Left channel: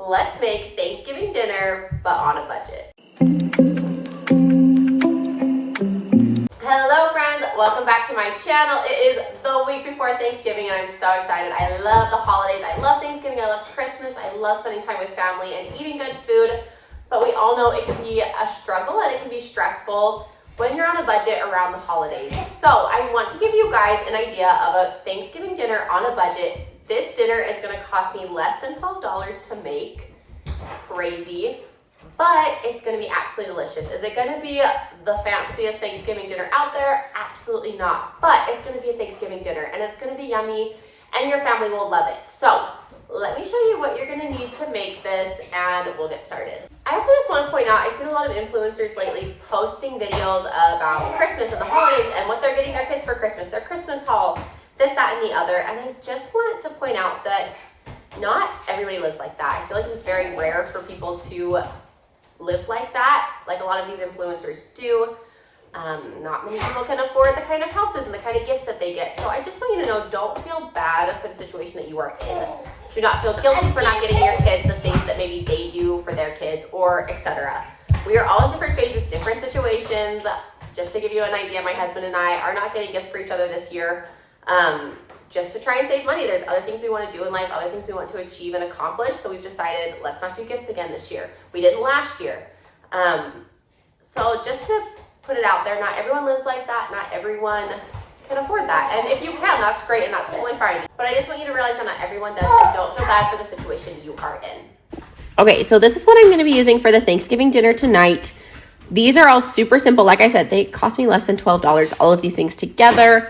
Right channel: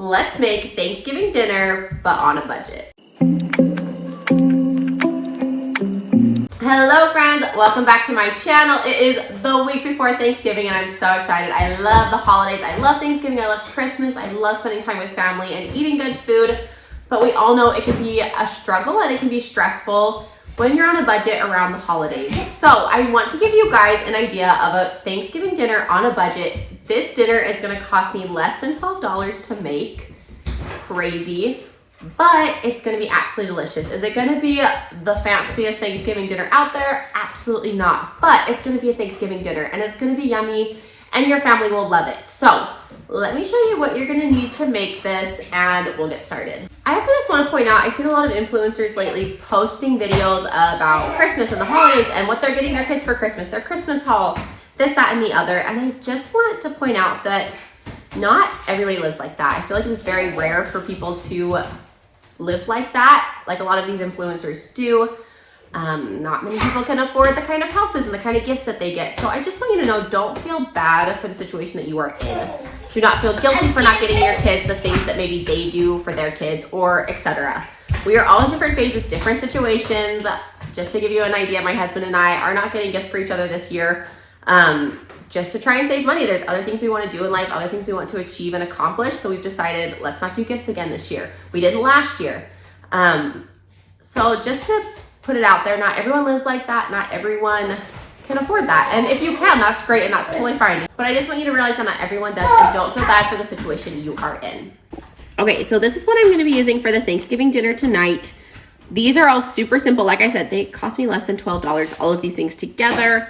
Let's make Thanksgiving dinner, but on a budget. Hello friends, welcome back to my channel. It is the week before Thanksgiving and I'm so excited. I love the holidays, I love Thanksgiving, I love Christmas, I love spending time with family and eating good food, but we all know it can be a struggle and it can be stressful when you're on a budget around the holidays. So I want to give you guys an idea of a Thanksgiving dinner on a budget. This dinner is gonna cost me less than $12 to make. Crazy. But it's gonna be absolutely delicious. Is it gonna be the fanciest Thanksgiving dinner out there? Absolutely not. But it's gonna be a Thanksgiving dinner and it's gonna be yummy and your family will love it. So let me show you what you're gonna need to make this and we'll get started. I also just wanna point out, I've seen a lot of influencers lately posting videos about Christmas and the holidays and what they're getting their kids for Christmas, their Christmas haul, this, that, and the other. And I just want to point out that not everybody lives like that. I feel like it was very rare for people to live like that, like a lot of these influencers do. Not many people can afford the kind of houses and the kind of gifts that they get. So I just want you to know, don't feel bad for the situation that you are in. Do not feel guilty for not getting your kids the things that maybe they do for their kids, or etc. We are all in different phases, different situations. Just to give you an idea, my husband and I are not getting gifts for each other this year, just to try and save money. There's other things we want to do in life, other things we want to achieve and accomplish. So we've decided, let's not do gifts again this year. We didn't last year. So just to put it out there, not everyone lives like that. Not everyone can afford that. And if you can, that's great and that's totally fine. But I just want you to realize that not everyone does, and don't feel bad for the situation you are in. Okay, so this is what I'm going to be using for the Thanksgiving dinner tonight. These are all super simple. Like I said, they cost me less than $12, all of these things together.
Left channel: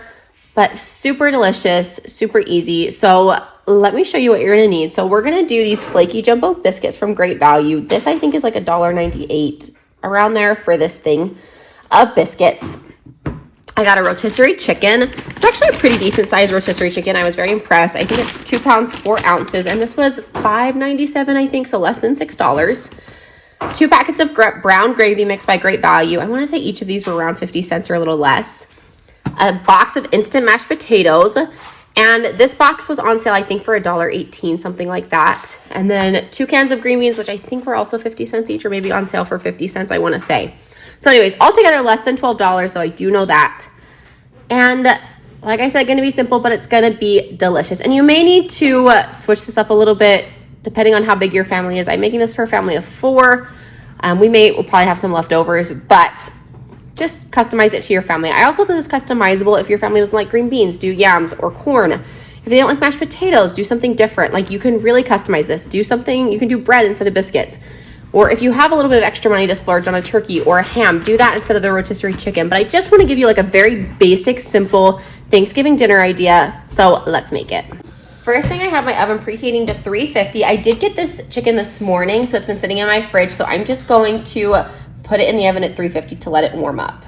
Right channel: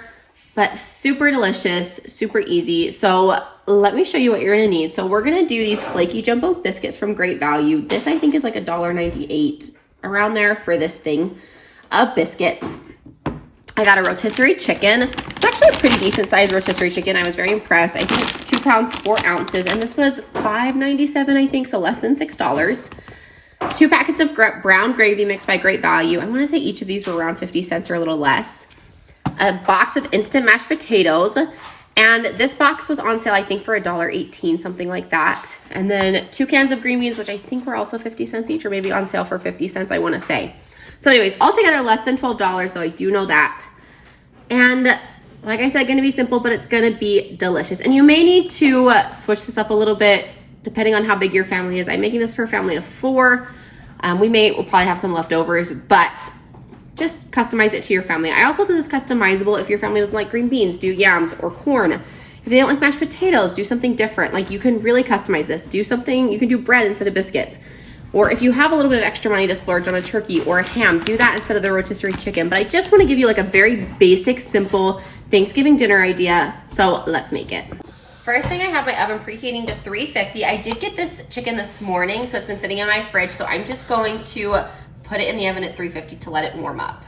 But super delicious, super easy. So let me show you what you're gonna need. So we're gonna do these flaky jumbo biscuits from Great Value. This I think is like $1.98 around there for this thing of biscuits. I got a rotisserie chicken. It's actually a pretty decent sized rotisserie chicken. I was very impressed. I think it's 2 pounds, 4 ounces, and this was $5.97, I think, so less than $6. 2 packets of brown gravy mix by Great Value. I wanna say each of these were around 50 cents or a little less. A box of instant mashed potatoes, and this box was on sale I think for $1.18, something like that. And then 2 cans of green beans, which I think were also 50 cents each, or maybe on sale for 50 cents, I want to say. So anyways, altogether less than $12, though I do know that. And like I said, gonna be simple, but it's gonna be delicious. And you may need to switch this up a little bit depending on how big your family is. I'm making this for a family of 4. We'll probably have some leftovers, but just customize it to your family. I also think it's customizable. If your family doesn't like green beans, do yams or corn. If they don't like mashed potatoes, do something different. Like, you can really customize this. Do something, you can do bread instead of biscuits. Or if you have a little bit of extra money to splurge on a turkey or a ham, do that instead of the rotisserie chicken. But I just want to give you like a very basic, simple Thanksgiving dinner idea. So let's make it. First thing, I have my oven preheating to 350. I did get this chicken this morning, so it's been sitting in my fridge. So I'm just going to put it in the oven at 350 to let it warm up.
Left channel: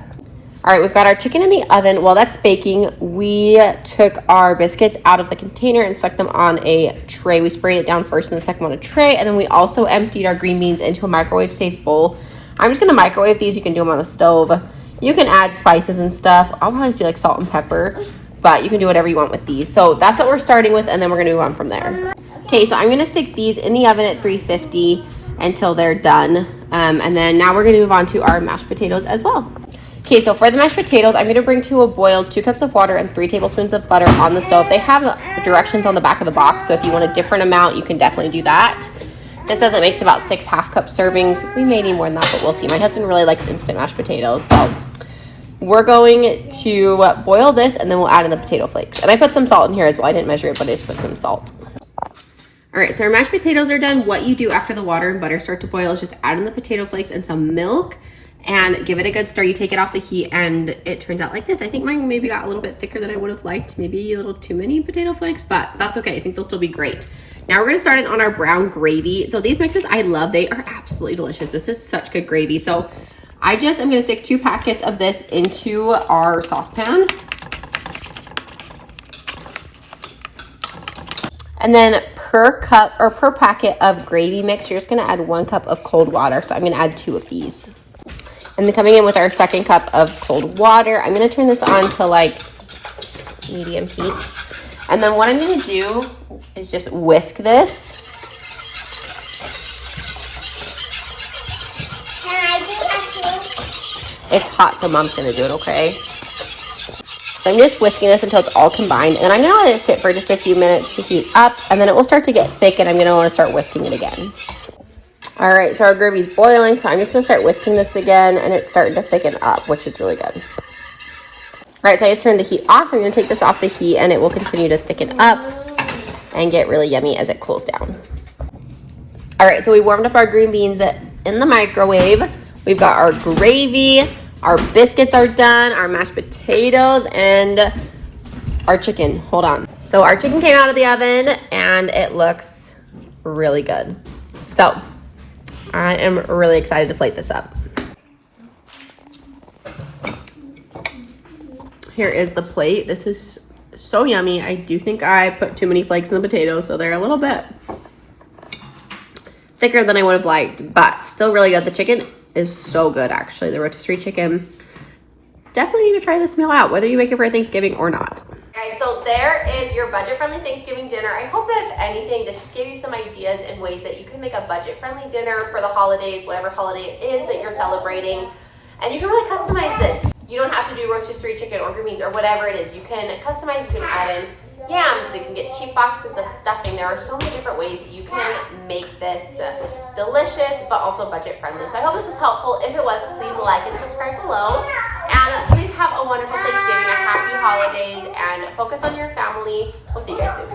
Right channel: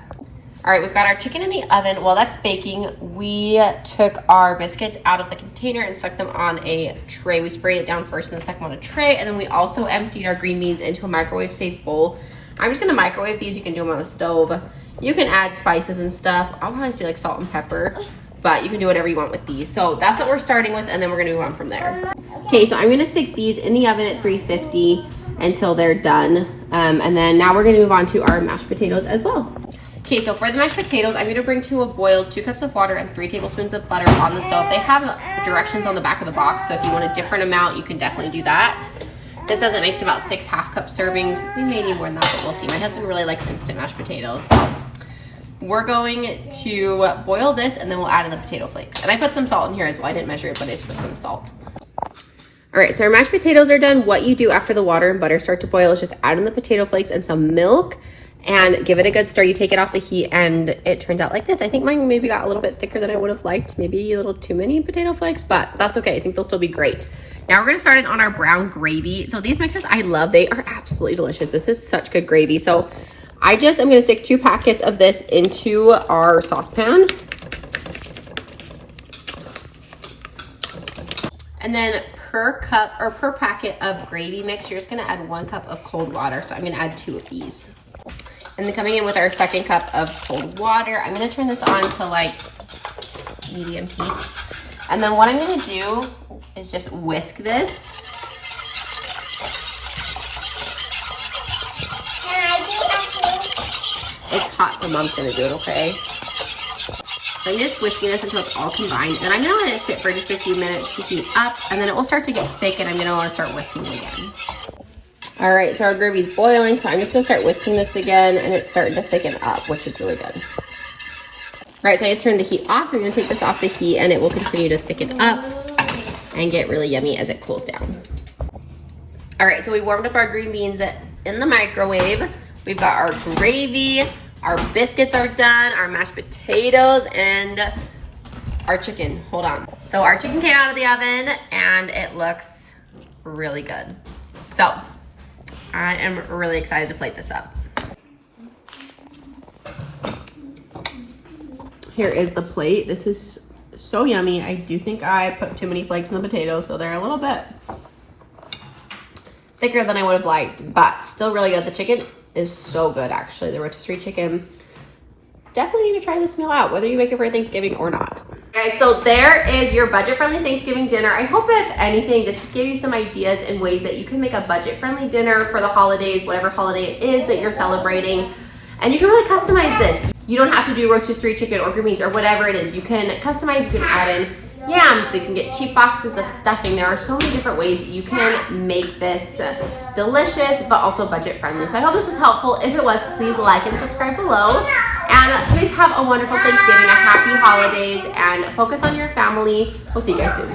All right, we've got our chicken in the oven. While that's baking, we took our biscuits out of the container and stuck them on a tray. We sprayed it down first and then stuck them on a tray. And then we also emptied our green beans into a microwave-safe bowl. I'm just gonna microwave these. You can do them on the stove. You can add spices and stuff. I'll probably do like salt and pepper, but you can do whatever you want with these. So that's what we're starting with, and then we're gonna move on from there. Okay, so I'm gonna stick these in the oven at 350 until they're done. And then now we're gonna move on to our mashed potatoes as well. Okay, so for the mashed potatoes, I'm gonna bring to a boil 2 cups of water and 3 tablespoons of butter on the stove. They have directions on the back of the box, so if you want a different amount, you can definitely do that. This says it makes about 6 half-cup servings. We may need more than that, but we'll see. My husband really likes instant mashed potatoes, so we're going to boil this and then we'll add in the potato flakes. And I put some salt in here as well. I didn't measure it, but I just put some salt. All right, so our mashed potatoes are done. What you do after the water and butter start to boil is just add in the potato flakes and some milk and give it a good stir. You take it off the heat and it turns out like this. I think mine maybe got a little bit thicker than I would have liked. Maybe a little too many potato flakes, but that's okay. I think they'll still be great. Now we're gonna start it on our brown gravy. So these mixes I love. They are absolutely delicious. This is such good gravy. So I just am gonna stick 2 packets of this into our saucepan. And then per cup or per packet of gravy mix, you're just gonna add 1 cup of cold water. So I'm gonna add 2 of these. And then coming in with our 2nd cup of cold water, I'm gonna turn this on to like medium heat. And then what I'm gonna do is just whisk this It's hot, so mom's gonna do it, okay? So I'm just whisking this until it's all combined, and I'm gonna let it sit for just a few minutes to heat up, and then it will start to get thick, and I'm gonna wanna start whisking it again. All right, so our gravy's boiling, so I'm just gonna start whisking this again, and it's starting to thicken up, which is really good. All right, so I just turned the heat off. I'm gonna take this off the heat, and it will continue to thicken up and get really yummy as it cools down. All right, so we warmed up our green beans in the microwave. We've got our gravy, our biscuits are done, our mashed potatoes, and our chicken. Hold on. So our chicken came out of the oven, and it looks really good. So I am really excited to plate this up. Here is the plate. This is so yummy. I do think I put too many flakes in the potatoes, so they're a little bit thicker than I would have liked, but still really good. The chicken is so good, actually. The rotisserie chicken. Definitely need to try this meal out, whether you make it for Thanksgiving or not. Guys, so there is your budget-friendly Thanksgiving dinner. I hope, if anything, this just gave you some ideas and ways that you can make a budget-friendly dinner for the holidays, whatever holiday it is that you're celebrating. And you can really customize this. You don't have to do rotisserie chicken or green beans or whatever it is. You can customize, you can add in yams, you can get cheap boxes of stuffing. There are so many different ways you can make this delicious, but also budget friendly. So I hope this is helpful. If it was, please like and subscribe below. And please have a wonderful Thanksgiving, a happy holidays, and focus on your family. We'll see you guys soon.